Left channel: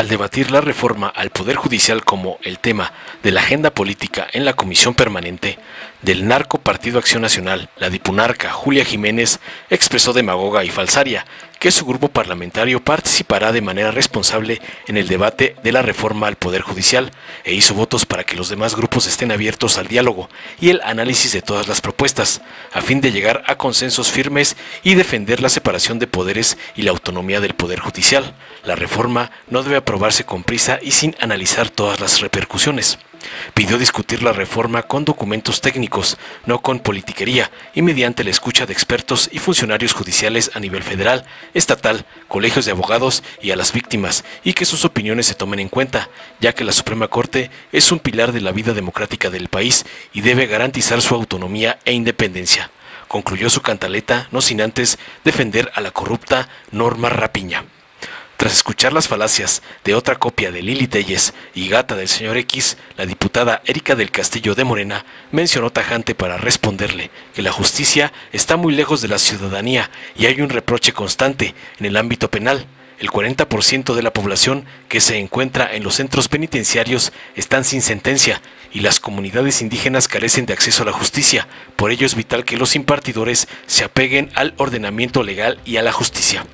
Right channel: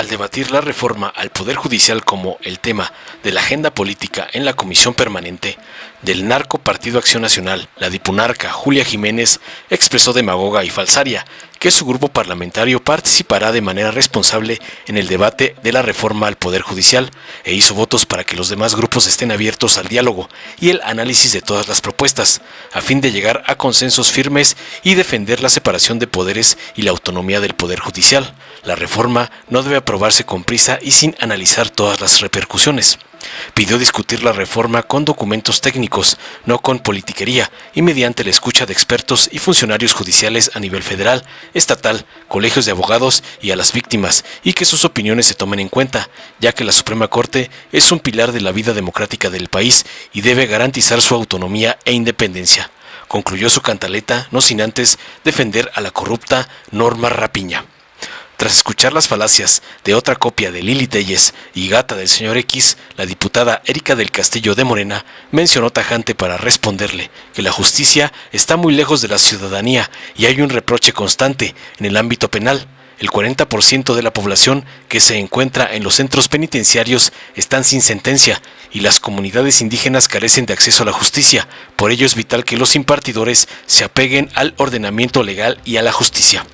Al debatir la reforma al Poder Judicial como el tema de la agenda política en la Comisión Permanente del Narco Partido Acción Nacional, la dipunarca Julia Jiménez expresó demagoga y falsaria que su grupo parlamentario participará de manera responsable en el debate de la reforma al Poder Judicial e hizo votos para que los demás grupos estén abiertos al diálogo y el análisis de todas las propuestas, a fin de llegar a consensos firmes y defender la separación de poderes y la autonomía del Poder Judicial. La reforma no debe aprobarse con prisa y sin analizar todas las repercusiones. Pidió discutir la reforma con documentos técnicos, no con politiquería, y mediante la escucha de expertos y funcionarios judiciales a nivel federal, estatal, colegios de abogados y a las víctimas, y que sus opiniones se tomen en cuenta, ya que la Suprema Corte es un pilar de la vida democrática del país y debe garantizar su autonomía e independencia. Concluyó su cantaleta, no sin antes defender a la corrupta Norma Rapiña. Tras escuchar las falacias de otra copia de Lili Téllez y gata del señor X, la diputada Erika del Castillo de Morena mencionó tajante para responderle que la justicia está muy lejos de la ciudadanía y hay un reproche constante en el ámbito penal. El 40% de la población que se encuentra en los centros penitenciarios están sin sentencia y las comunidades indígenas carecen de acceso a la justicia. Por ello es vital que los impartidores se apeguen al ordenamiento legal y a la justicia.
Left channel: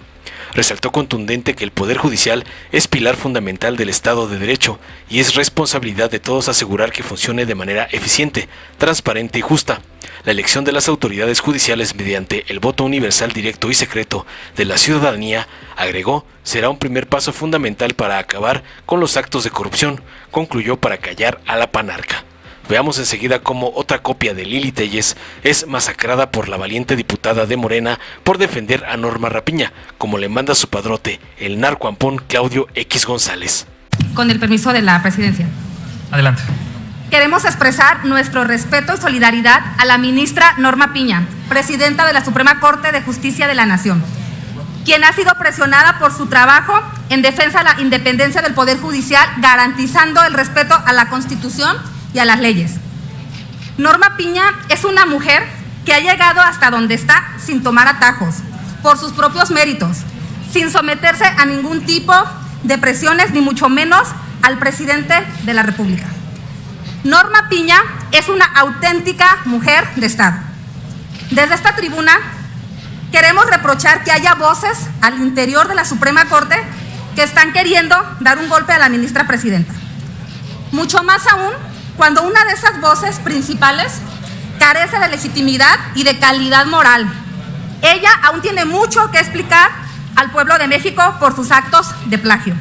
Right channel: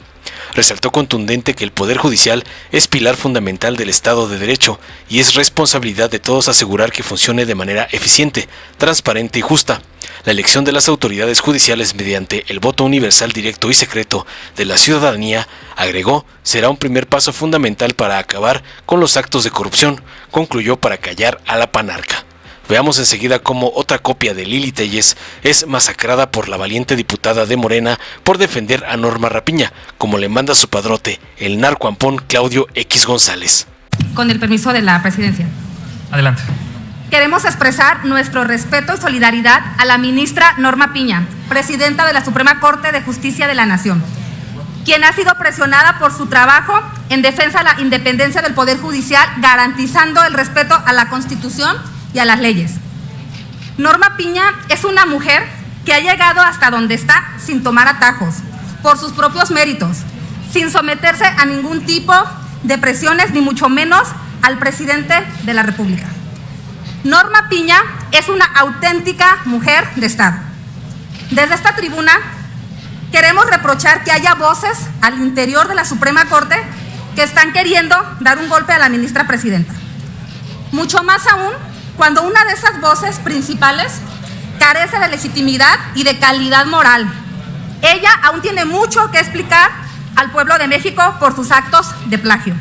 Resaltó contundente que el Poder Judicial es pilar fundamental del Estado de Derecho y es responsabilidad de todos asegurar que funcione de manera eficiente, transparente y justa. La elección de las autoridades judiciales mediante el voto universal directo y secreto de la ciudadanía, agregó, será un primer paso fundamental para acabar con los actos de corrupción, concluyó para callar a la panarca. Veamos enseguida cómo otra copia de Lili Téllez es masacrada por la valiente diputada de Morena por defender a Norma Rapiña, como le manda su padrote, el narcoampón Claudio X González. Con el permiso de la presidencia. Adelante. Queremos expresar nuestro respeto y solidaridad a la ministra Norma Piña, presidenta de la Suprema Corte de Justicia de la Nación, quien ha sido presionada por su trabajo en defensa de la independencia del Poder Judicial, garantizando el respeto a la Constitución y a las leyes. Norma Piña es una mujer que ha llegado hasta donde está sin tomar atajos, por sus propios méritos, sin someterse a ningún tipo de presiones, ni mucho menos al presidente de la República. Norma Piña es una auténtica mujer de Estado. Desde esta tribuna queremos reprochar que haya voces al interior de la Suprema Corte que están queriendo dar un golpe a la ministra presidenta. Mucho más aún cuando una de esas voces principales carece de legitimidad y de calidad moral. Ella aún tiene mucho que explicar al pueblo de México por sus actos de plagio.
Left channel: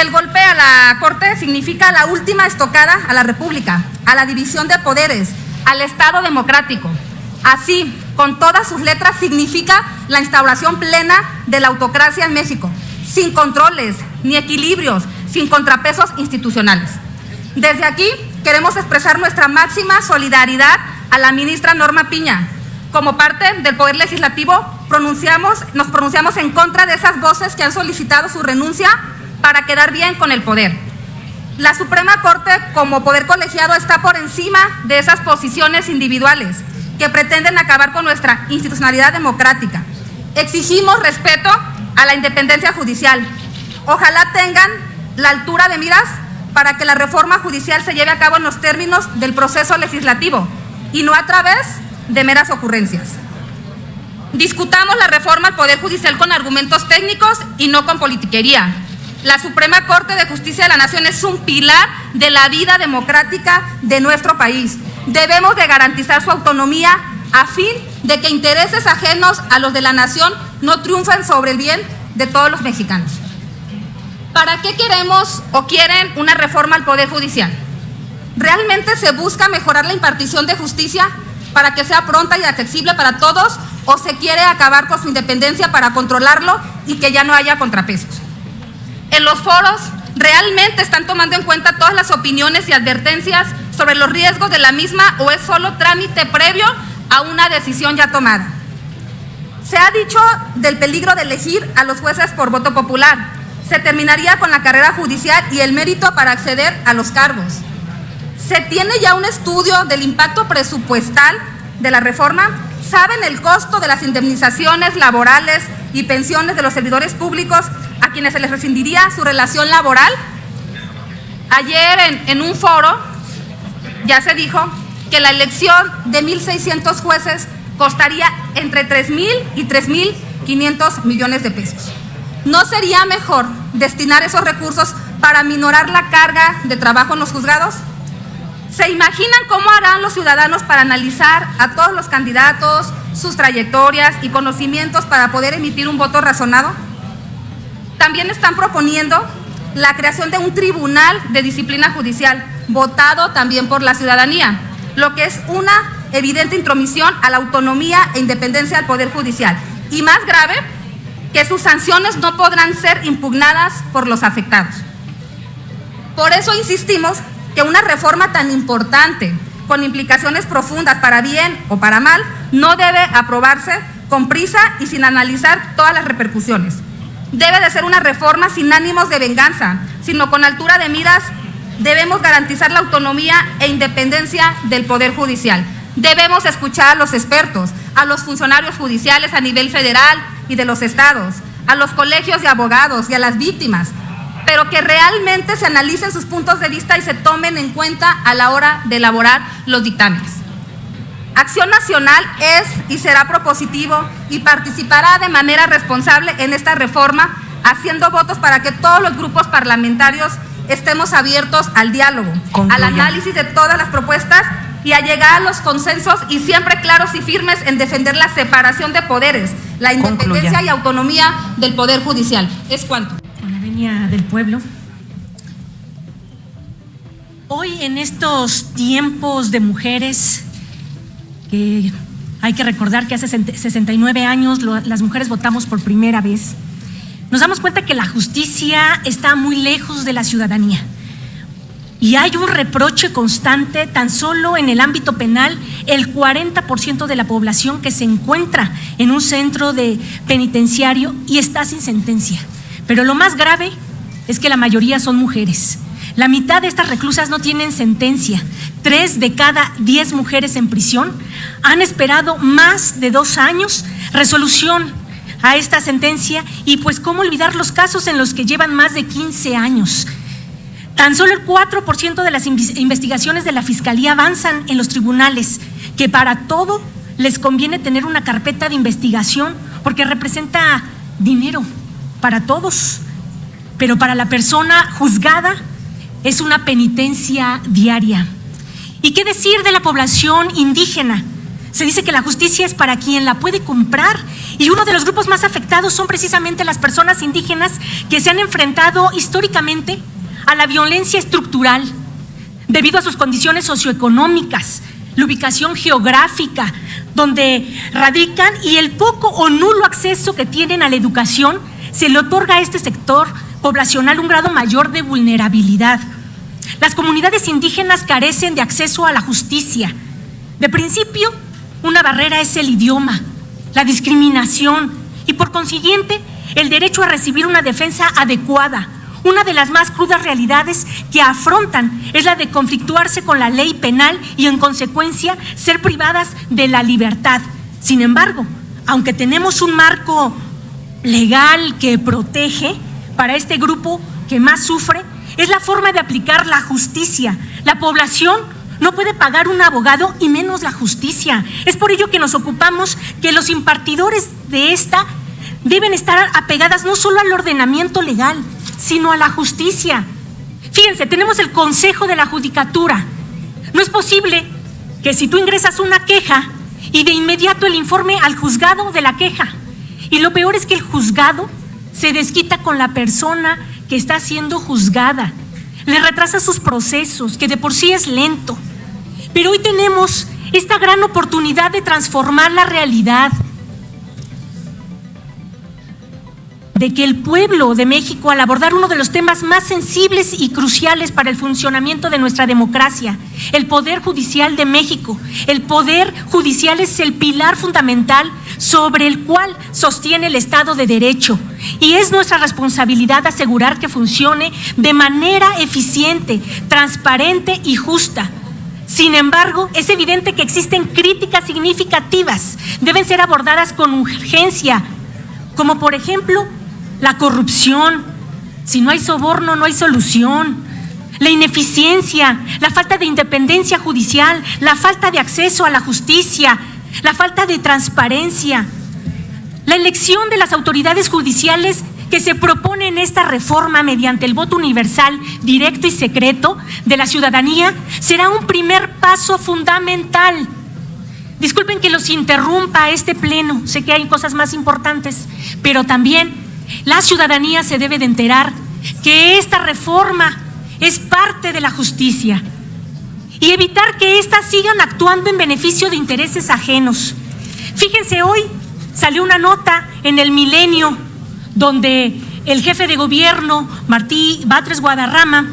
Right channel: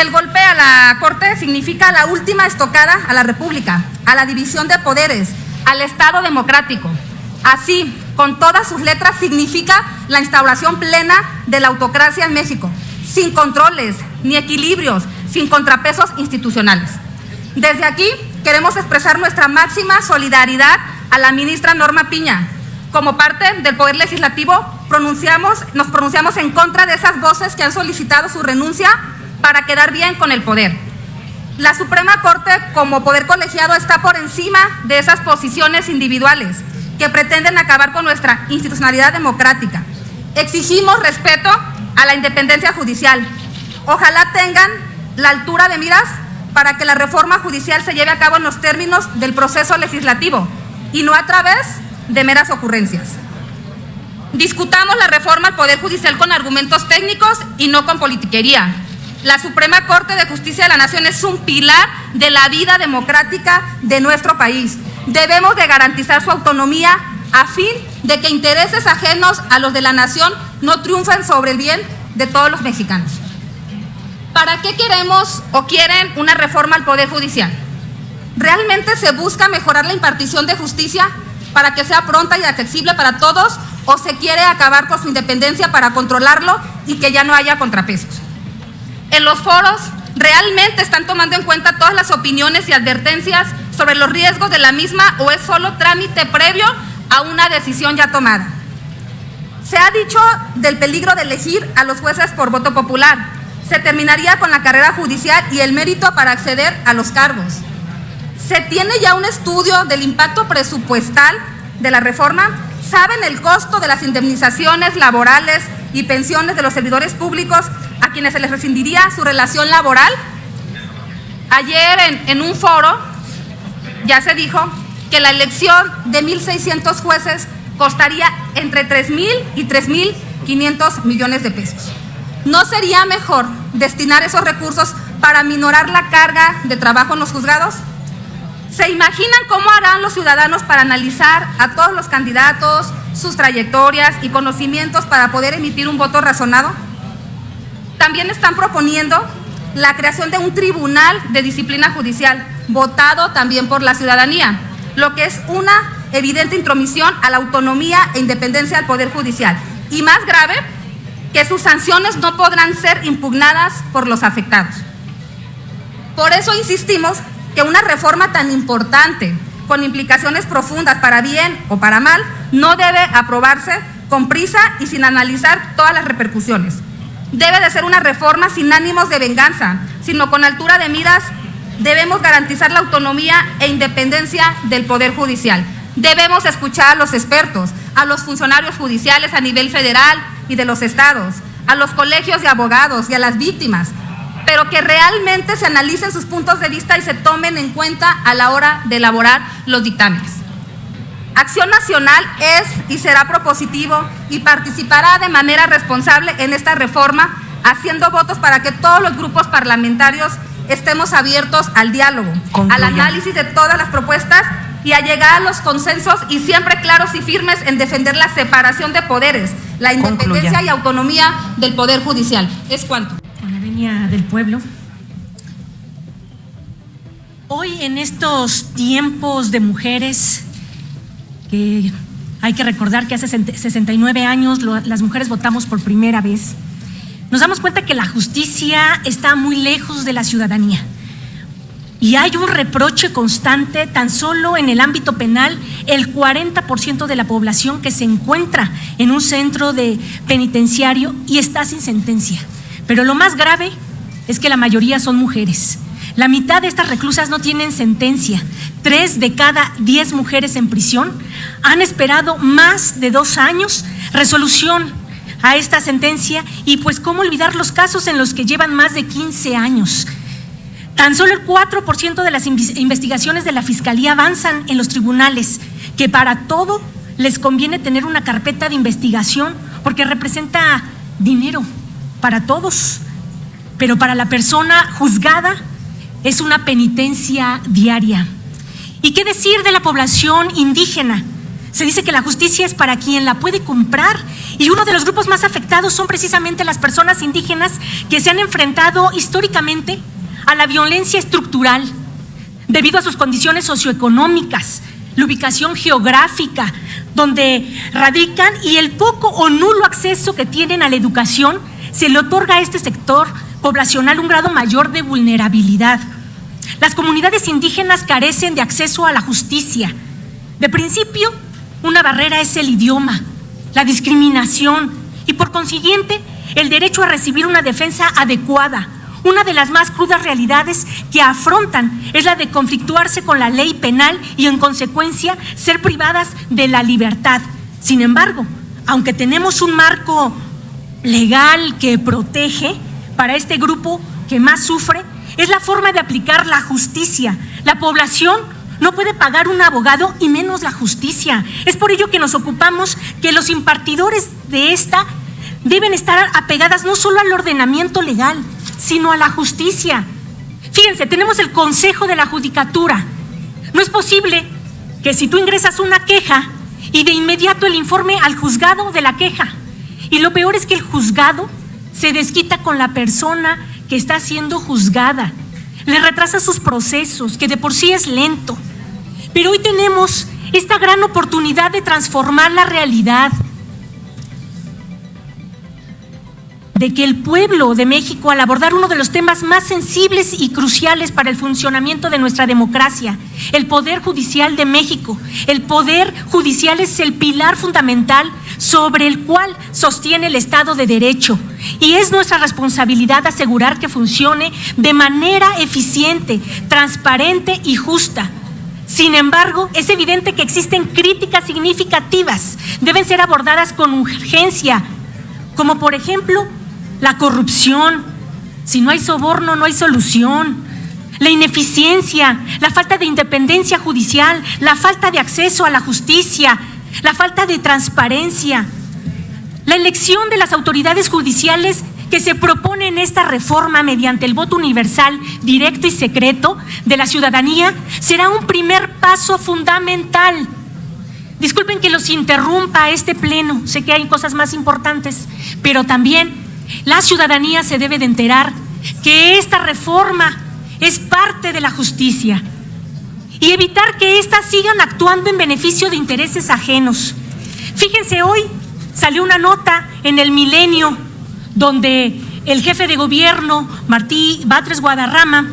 El golpe a la Corte significa la última estocada a la República, a la división de poderes, al Estado democrático. Así, con todas sus letras, significa la instauración plena de la autocracia en México, sin controles ni equilibrios, sin contrapesos institucionales. Desde aquí queremos expresar nuestra máxima solidaridad a la ministra Norma Piña. Como parte del Poder Legislativo, nos pronunciamos en contra de esas voces que han solicitado su renuncia para quedar bien con el poder. La Suprema Corte, como poder colegiado, está por encima de esas posiciones individuales que pretenden acabar con nuestra institucionalidad democrática. Exigimos respeto a la independencia judicial. Ojalá tengan la altura de miras para que la reforma judicial se lleve a cabo en los términos del proceso legislativo y no a través de meras ocurrencias. Discutamos la reforma al Poder Judicial con argumentos técnicos y no con politiquería. La Suprema Corte de Justicia de la Nación es un pilar de la vida democrática de nuestro país. Debemos de garantizar su autonomía a fin de que intereses ajenos a los de la nación no triunfen sobre el bien de todos los mexicanos. ¿Para qué queremos o quieren una reforma al Poder Judicial? ¿Realmente se busca mejorar la impartición de justicia para que sea pronta y accesible para todos, o se quiere acabar con su independencia para controlarlo y que ya no haya contrapesos? En los foros, ¿realmente están tomando en cuenta todas las opiniones y advertencias sobre los riesgos de la misma, o es solo trámite previo a una decisión ya tomada? Se ha dicho del peligro de elegir a los jueces por voto popular. Se terminaría con la carrera judicial y el mérito para acceder a los cargos. ¿Se tiene ya un estudio del impacto presupuestal de la reforma? ¿Saben el costo de las indemnizaciones laborales y pensiones de los servidores públicos a quienes se les rescindiría sobre la Ya se dijo que la elección de 1.600 jueces costaría entre 3.000 y 3.500 millones de pesos. ¿No sería mejor destinar esos recursos para minorar la carga de trabajo en los juzgados? ¿Se imaginan cómo harán los ciudadanos para analizar a todos los candidatos, sus trayectorias y conocimientos para poder emitir un voto razonado? También están proponiendo la creación de un tribunal de disciplina judicial, votado también por la ciudadanía, lo que es una evidente intromisión a la autonomía e independencia del Poder Judicial. Y más grave, que sus sanciones no podrán ser impugnadas por los afectados. Por eso insistimos que una reforma tan importante, con implicaciones profundas para bien o para mal, no debe aprobarse con prisa y sin analizar todas las repercusiones. Debe de ser una reforma sin ánimos de venganza, sino con altura de miras. Debemos garantizar la autonomía e independencia del Poder Judicial. Debemos escuchar a los expertos, a los funcionarios judiciales a nivel federal y de los estados, a los colegios de abogados y a las víctimas, pero que realmente se analicen sus puntos de vista y se tomen en cuenta a la hora de elaborar los dictámenes. Acción Nacional es y será propositivo y participará de manera responsable en esta reforma, haciendo votos para que todos los grupos parlamentarios estemos abiertos al diálogo, al análisis de todas las propuestas y a llegar a los consensos y siempre claros y firmes en defender la separación de poderes, la independencia y autonomía del Poder Judicial. ¿Es cuanto? Del pueblo. Hoy, en estos tiempos de mujeres, que hay que recordar que hace 69 años las mujeres votamos por primera vez, nos damos cuenta que la justicia está muy lejos de la ciudadanía. Y hay un reproche constante. Tan solo en el ámbito penal, el 40% de la población que se encuentra en un centro penitenciario y está sin sentencia. Pero lo más grave es que la mayoría son mujeres. La mitad de estas reclusas no tienen sentencia. 3 de cada 10 mujeres en prisión han esperado más de 2 años resolución a esta sentencia. Y pues cómo olvidar los casos en los que llevan más de 15 años. Tan solo el 4% de las investigaciones de la Fiscalía avanzan en los tribunales, que para todo les conviene tener una carpeta de investigación porque representa dinero para todos, pero para la persona juzgada es una penitencia diaria. ¿Y qué decir de la población indígena? Se dice que la justicia es para quien la puede comprar, y uno de los grupos más afectados son precisamente las personas indígenas que se han enfrentado históricamente a la violencia estructural debido a sus condiciones socioeconómicas, la ubicación geográfica donde radican y el poco o nulo acceso que tienen a la educación. Se le otorga a este sector poblacional un grado mayor de vulnerabilidad. Las comunidades indígenas carecen de acceso a la justicia. De principio, una barrera es el idioma, la discriminación y, por consiguiente, el derecho a recibir una defensa adecuada. Una de las más crudas realidades que afrontan es la de conflictuarse con la ley penal y, en consecuencia, ser privadas de la libertad. Sin embargo, aunque tenemos un marco legal que protege, para este grupo que más sufre es la forma de aplicar la justicia. La población no puede pagar un abogado y menos la justicia. Es por ello que nos ocupamos que los impartidores de esta deben estar apegadas no solo al ordenamiento legal, sino a la justicia. Fíjense, tenemos el Consejo de la Judicatura. No es posible que si tú ingresas una queja y de inmediato el informe al juzgado de la queja. Y lo peor es que el juzgado se desquita con la persona que está siendo juzgada. Le retrasa sus procesos, que de por sí es lento. Pero hoy tenemos esta gran oportunidad de transformar la realidad, de que el pueblo de México, al abordar uno de los temas más sensibles y cruciales para el funcionamiento de nuestra democracia, el Poder Judicial de México. El Poder Judicial es el pilar fundamental sobre el cual sostiene el Estado de Derecho, y es nuestra responsabilidad asegurar que funcione de manera eficiente, transparente y justa. Sin embargo, es evidente que existen críticas significativas, deben ser abordadas con urgencia, como por ejemplo la corrupción. Si no hay soborno, no hay solución. la ineficiencia, la falta de independencia judicial, la falta de acceso a la justicia, la falta de transparencia, la elección de las autoridades judiciales que se propone en esta reforma mediante el voto universal, directo y secreto de la ciudadanía será un primer paso fundamental. Disculpen que los interrumpa este pleno, sé que hay cosas más importantes, pero también la ciudadanía se debe de enterar que esta reforma es parte de la justicia y evitar que éstas sigan actuando en beneficio de intereses ajenos. Fíjense, hoy salió una nota en El Milenio donde el jefe de gobierno, Martí Batres Guadarrama,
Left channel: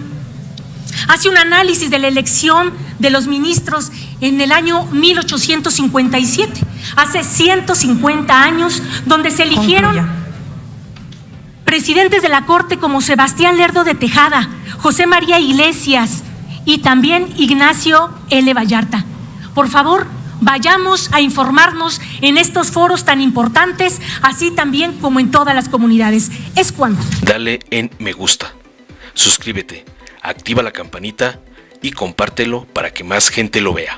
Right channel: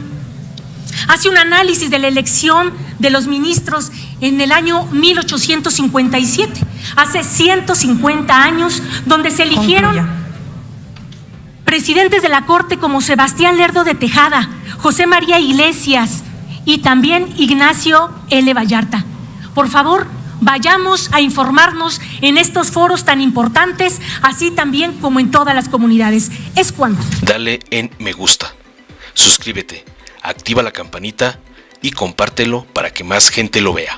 hace un análisis de la elección de los ministros en el año 1857, hace 150 años, donde se eligieron presidentes de la Corte como Sebastián Lerdo de Tejada, José María Iglesias y también Ignacio L. Vallarta. Por favor, vayamos a informarnos en estos foros tan importantes, así también como en todas las comunidades. Es cuanto. Dale en me gusta, suscríbete, activa la campanita y compártelo para que más gente lo vea.